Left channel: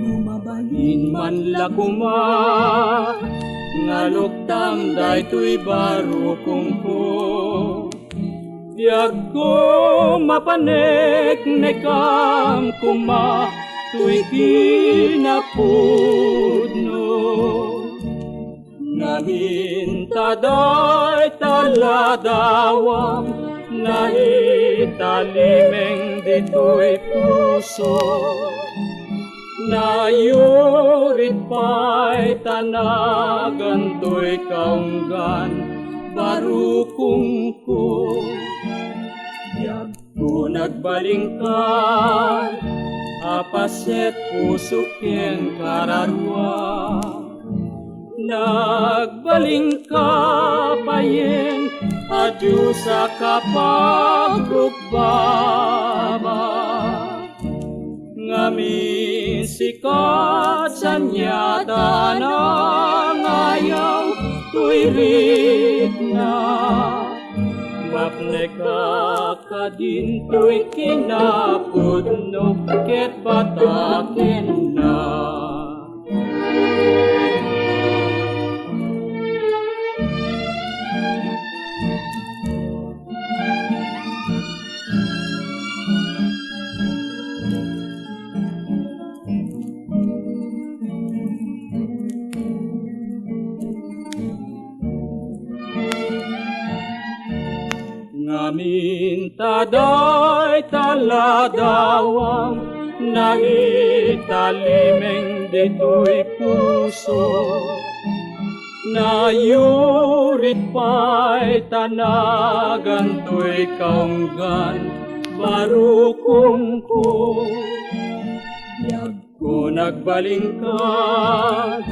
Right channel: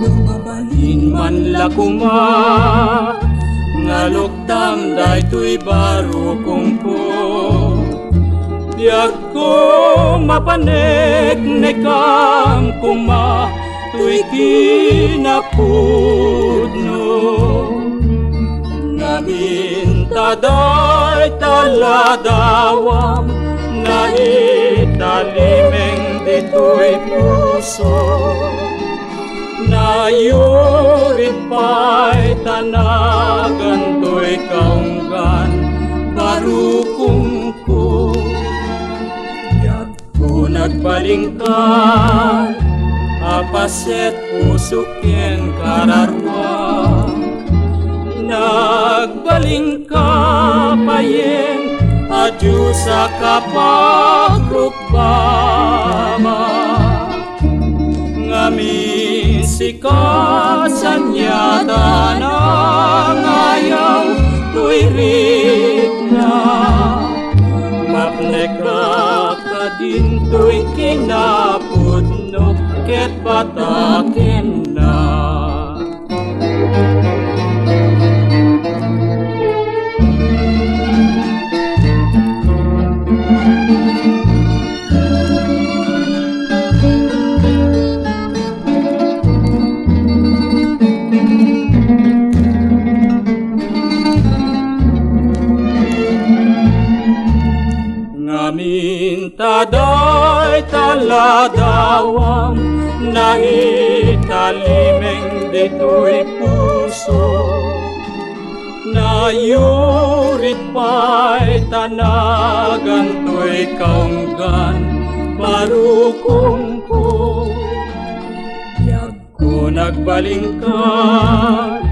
Lumabalin man lakuma ngaluktam daytoy baro kongko diag ko mapanek nekam kuma tuy kinapudno ngamin taday taladawam na italimeng ditoy puso na yurit pa'y tanagan to'y kaunggan barukong ko yag ko nagbalingkan apaset pusukyen kararwa nagbalingka payen adyo sa kapagrupama ngamin sikasan yata ng ayaw tuwirik na mapneka ka din to'y kinapudno ket bataken na ngamin taday taladawam na italimeng dito'y puso na yurit pa'y tanagan to'y kaunggan barukong ko yag ko nagbalingkan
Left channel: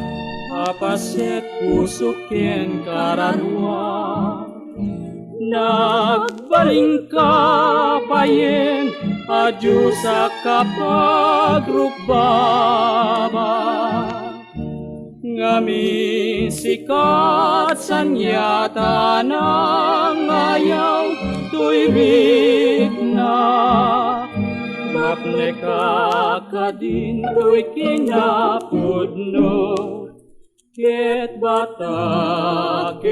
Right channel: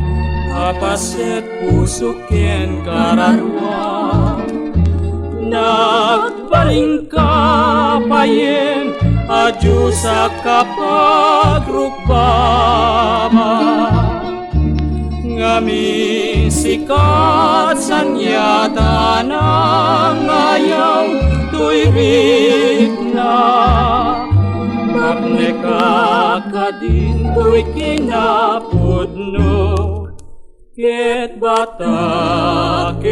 apaset pusukyen kararwa nagbalingka payen adyo sa kapagrupama ngamin sikat sanyata ng ayaw tuwirik na mapneka ka din to'y kinapudno ket bataken